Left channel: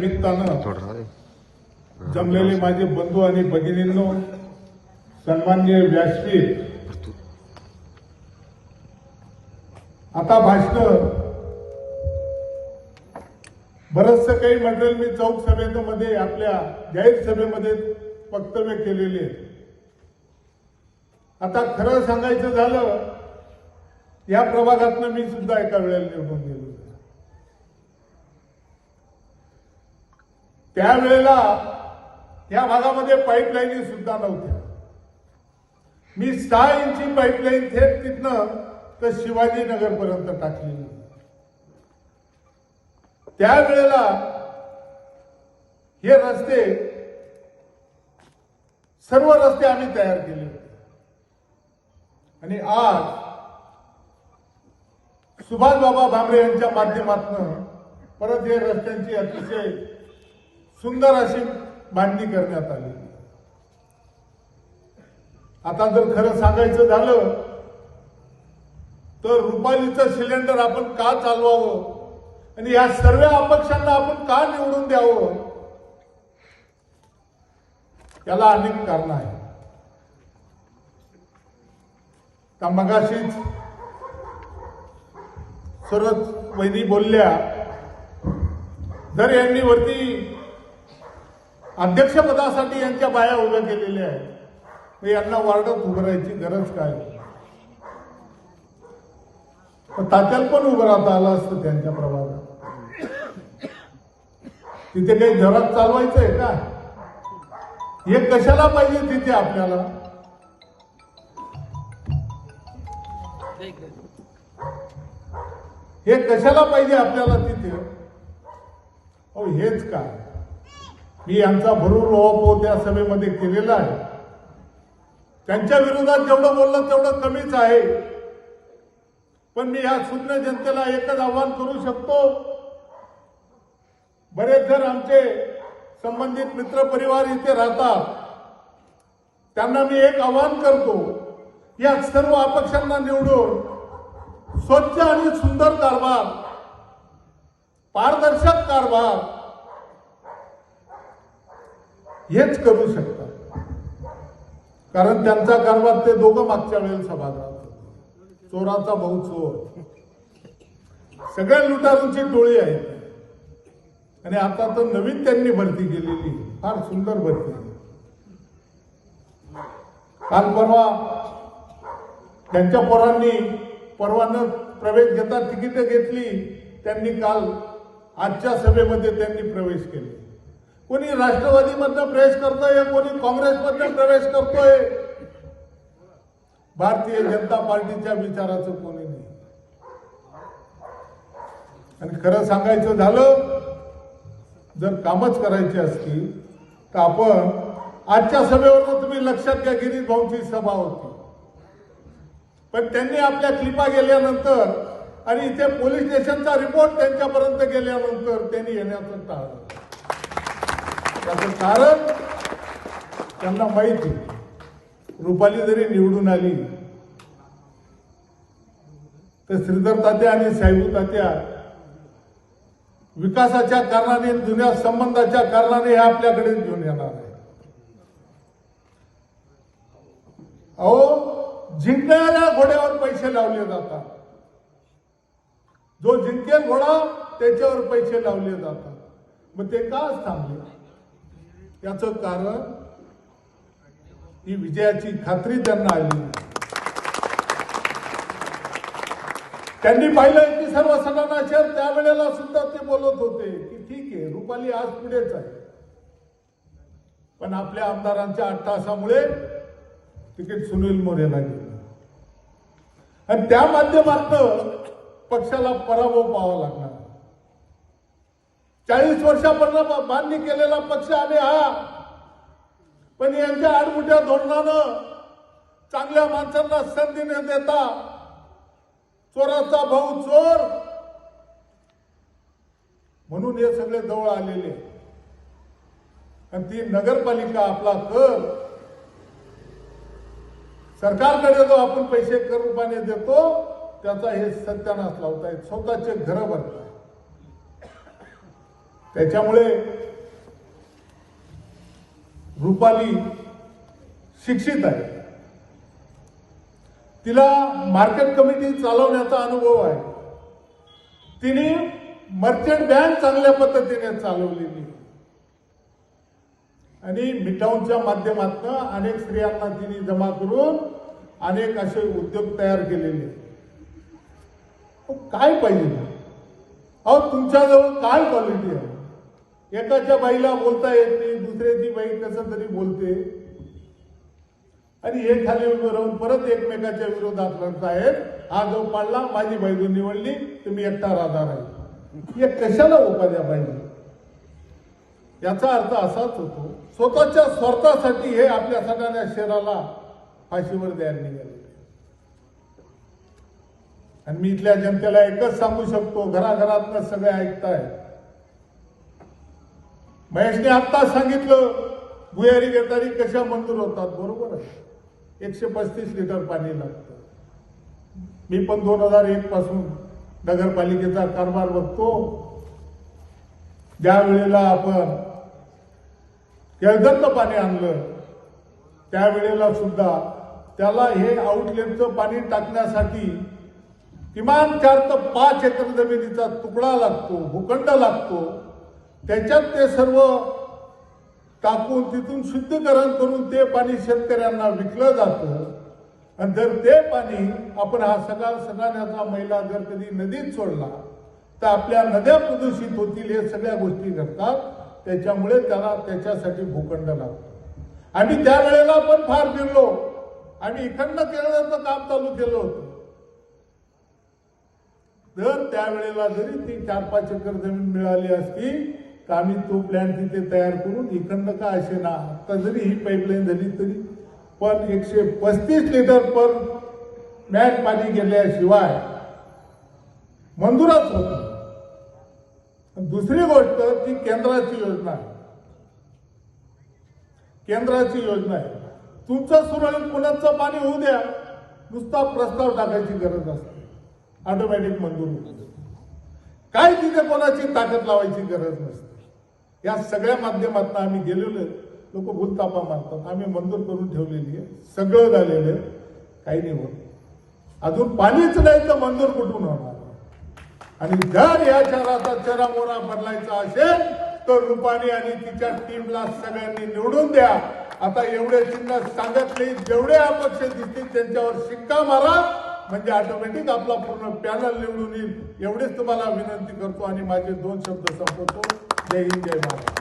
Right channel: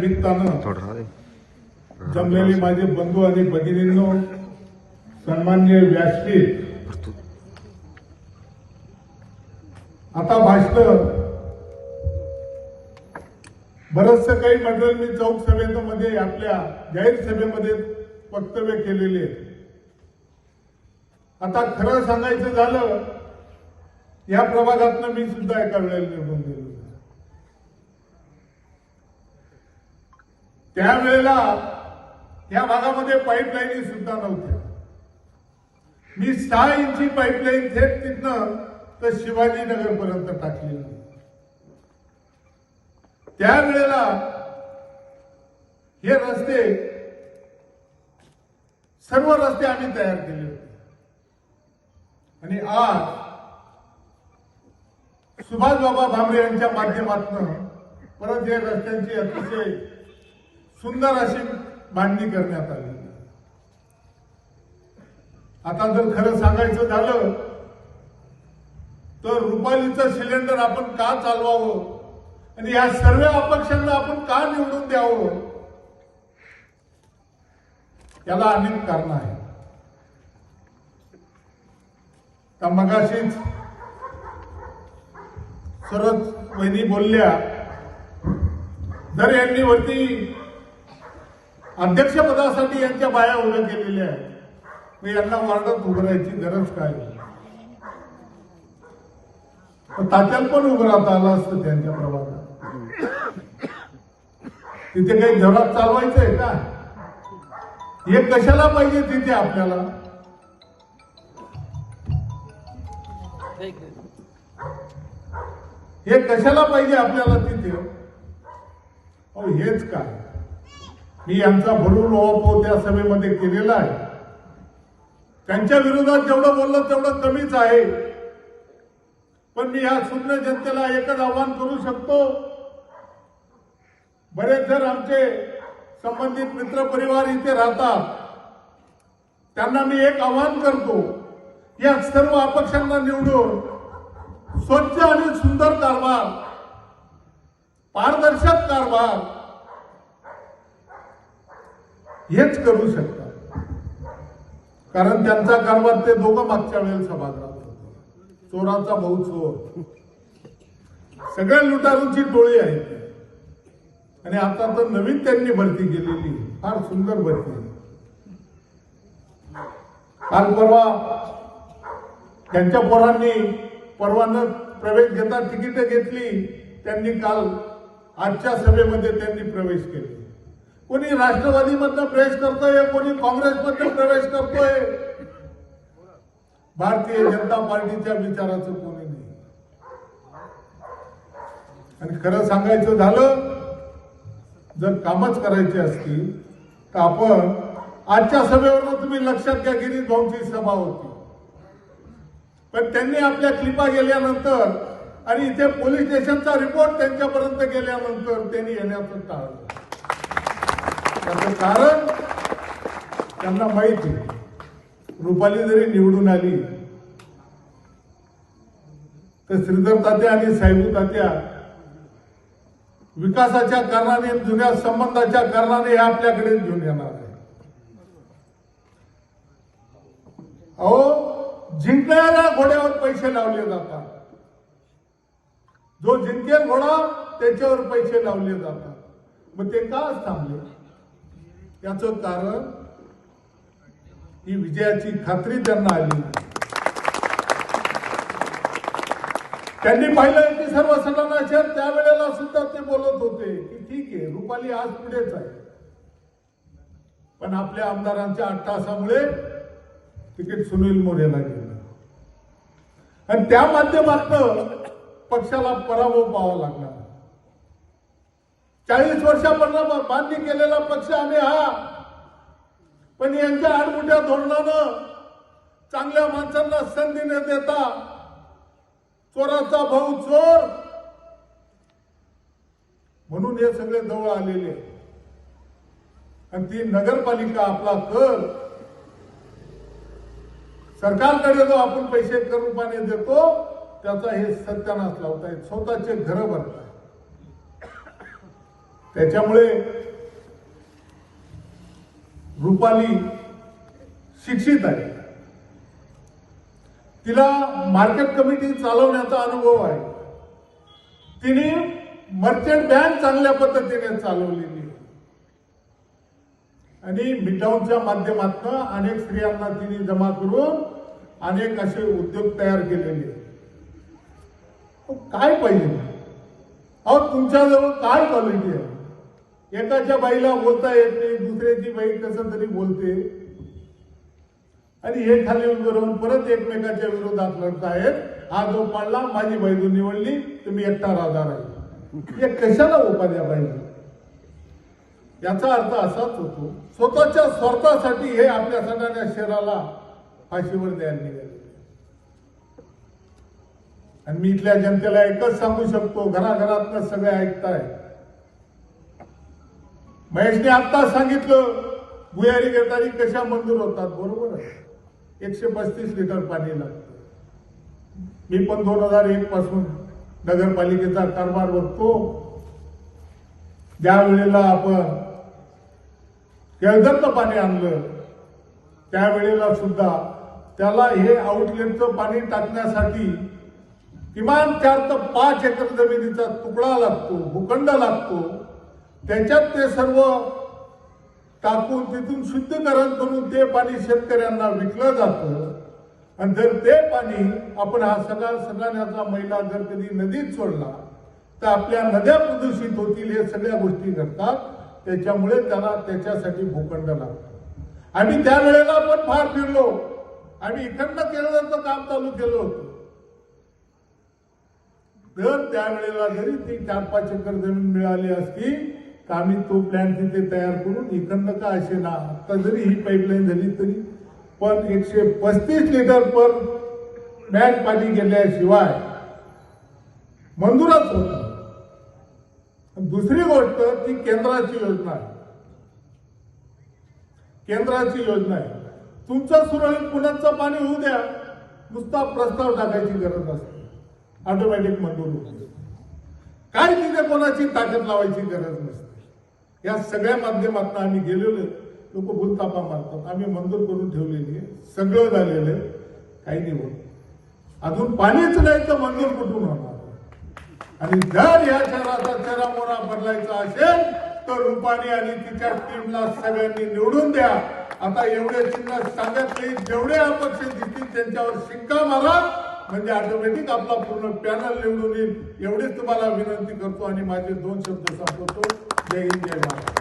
निमित्तानं. जमलेले माझे बंधू आणि भगिनींनो सन्मान्य व्यासपीठ आता भाषण बरचसं काही मंडळ मी चौक सभेमध्ये आपल्या जाहीर सभेमध्ये वक्तव्य केलेले. आता खरं सांगायचं झालं या प्रभागातनं मी सुद्धा एका वेळेला निवडून गेलो त्यावेळेला या भागामध्ये पाईपलाईनी सुद्धा नव्हत्या. मी सहा इंची पाईपलाईन थेट तिथनं तर शिवाजीनगर पर्यंत टाकलेली त्यावेळेला हे रस्ते सर्व रस्ते आम्ही तयार केले होते. आणि आज सुभाषबाबा भामरे यांच्या माध्यमातून परत हे रस्त्यांची अतिशय सुंदर अशी मांडणी करण्यात आली. आता जर खरं सांगायचं झालं तर रुपालीचं सिलेंडर आपण का चालवावं? आणि या सर्व अपक्षांना आपण का निवडून द्यावं? याला अनेक कारण आहेत. त्या मगाशीच सरच वहिनी बोलल्या जर यांनी वरती अध्यक्षपदासाठी यांच्या बाया उभ्या केलेल्या आहेत. मग यांना वार्डात उभं राहायची गरज काय पण तात्याला पण उभं राहता आलं असतं त्यांच्या प्रभागात? तिथे काही घरात चालवायचंय का? हे कशाला पाहिजे तिथे आपल्याला? हे कशाला पाहिजे आपल्याला तिथे? हेच काय? मी यांचा भरून ओवापो त्या सभेमध्ये केलेला आहे. त्यांच्या विरोधात जेवढं बोललं तेवढं कमीच आहे. पण मी या शून्य जनतेला एकच आव्हान करू शकतो. बरेच जण आमचे संबंधित मित्र परिवार इथे राहतात. त्यांना मी एक आव्हान करतो. या सर्व अपक्षांना निवडून स्वच्छ आणि सुंदर कारभार पारदर्शक कारभार हेच करू शकतात. कारण त्यांचा कारभार ते दोघं मागच्या वेळेला सभागृहात होते. चोराचा भाऊ चोर. सगळ्या लुटारूची टोळी आहे आणि आता तर नवीन त्यांनी भरती केलेली फार सुंदर भरती काल परवा त्यांच्या पोरांनी परवानं प्रवेश घेता तिकीट घेतली. त्यांनी काल आजच्या सभेमध्ये त्यांनी प्रवेश केले. कोणी राष्ट्रवादीमधनं प्रवेश करतोय कोणी काँग्रेसमधनं प्रवेश करतोय? भारतीय जनता पार्टीच्या विचाराचं कोणी नाही. आणि खरं सांगायचं झालं जर कामच करायची असतील तर आपण आजच्या सभेवर तुम्ही लक्षात घ्या गिरीश भाऊंची सभा होती. पण त्यांनी आपल्या क्लिपा गेल्यानंतर आणि इथे पोलीस स्टेशनचा रिपोर्ट त्यांच्यापर्यंत गेल्यानंतर त्यांनी येण्याचं टाळलं. त्याचं कारण त्यांना माहिती रुपाली जरी निवडून आली तर श्रीधर तात्या आणि साहेबू तात्या विकासाच्या कारणाने जुन्या संबंधाच्या कारणाने हे आपल्याकडे घेऊन येणार आहे अहो जिंकणाऱ्या घोड्यावर पैसे लावले जातात. जो जिंकेल घोडा त्याच्यावर पैसे लावले जातात. मग ते का थांबले? याचं कारण ही विजयाची खात्री त्यांना आली. नाही. त्यांनी पाहिलं की सर्व सदनाचे त्यावेळेला सुद्धा ते बोलत होते की ठीक आहे रुपाली आज पुढेच आहे. पण आपल्या आमदारांच्या अट्टासामुळे तिकीट सुनील मोरेला गेलं. आणि त्या माध्यमातनं पक्षाला पराभव पाहावा लागला. चाळीस वर्षापर्यंत मान्य केलेला पक्ष आम्ही हा पण यांच्या आडमुठ्या धोरणानं चांगल्या माणसांना संधी न देता चोराचा भाऊ चोर म्हणून हे सगळे जवळ आलेले आणि ती नगरपालिका आपला कर सरकारकडे जो आपण पैसे कर रूपाने देतो त्याचा हे सत्यानाश लावतायत. स्वतःचे घर भरताय त्याच्यामुळे रुपाली शिक्षित आहे. तिला मार्केट कमिटी चालवण्याचा अनुभव आहे. तिने मर्चंट बँक चांगल्या पद्धतीने चालवलेली आहे. आणि मिठाऊनच्या माध्यमातून अनेक स्त्रियांना तिने जमा करून अनेक असे उद्योग तयार केलेले काय पाहिजे? अहो तुमच्याजवळ काय क्वालिटी आहे? एकाच्या बाईला बोलता येत नाही दुसऱ्याची बाई कसं तरी बोलते. आणि हे खाली उभं राहून परत एकमेकाच्या विरोधात लढतायत. हा जो पाडला माझी बाजू निवडली तुम्ही एकटा राहणार आहे. हे कशाला उपाध्या पाहिजे याचा अर्थ असाच होतो स्वतःच्या स्वार्थासाठी हे आपल्या सगळ्या शहराला फाशीवर द्यायला निघाले. आणि मी इथल्या जनतेला एकच सांगू शकतो घराघरातनं सगळे ऐकताय महेशने आत्ता सांगितलं भुयारी घेताना कशा मंजूर होतात. बरोबर आहे. एकशे पस्तीस लिटर पाणी लागतं. मी पण दोन हजार एक पासून नगरपालिकेचा कारभार बघतो. ज्या वेळेला आपण केळदरचं पाणी आणलं त्यावेळेला सुद्धा त्याला हे आउटलेटचं पाणी टाकण्यासाठी किमान चार तर पाच एकर जमिनीचा तुकडा लागतो भूखंड लागतो. त्याच्यात ते सर्व टाकून तिथून शुद्धीकरण करून ते पाणी शेतकऱ्यांना विकलं जातं. आणि जर ते पाणी आपण हा सगळा सगळ्यांचा मैला जर कधी नदीत सोडला तर आपल्या नद्या प्रदूषित होतील हे सगळ्या गोष्टी घडतात. त्याच्यामुळे त्याला त्याच्यासाठी भूखंड लागतो. आम्ही त्यावेळेला पण फार फिरलो. आम्ही इकडनं केलं काम चालू केलं होतं. तर त्यावेळेला जरी ती चार पाच एकर जमीन मिळाली असती तर आम्ही तो प्लॅन तिथे तयार करून इकडनं का असे ना आता जरी ही पाईपलाईन झाली तरी पण एकशे पस्तीस लिटर पर मॅन पाणी गेल्याशिवाय मंजूरच होत दुसरी गोष्ट ती केंद्राची योजना आहे. केंद्राची योजना आहे. तुमचं सुरळीत पुण्याचं पाणी होऊ द्या नुसता प्रस्ताव टाकायची गरज असते. ऑटोमॅटिक मंजूर होतो काय तिथे कोणाची ताकद लावायची गरज नसते. या सगळ्या माध्यमातून आम्ही गेलेलो आहे. लोक भूलतापा मारतात आम्ही मंजूर करून ठेवलेली आहे. सगळं झालेलं आहे. काही नाही होत. अजून पाणीच नाही तर मंजूर कुठून होणार? आणि जर या शहराचा चरामोरा बदलायचा असेल तर रुपानी आणि तिच्या टीमला सगळ्यांनी निवडून द्या. आता एवढे चिन्ह सांगत नाही जेवढे अपक्ष दिसतील त्यांच्यावर शिक्का मारा. म्हणजे ऑटोमॅटिक आपला पूर्ण पॅनल निवडून येईल. एवढेच तुम्हाला विनंती करतो आणि माझे दोन शब्द संपवतो. जय हिंद जय महाराज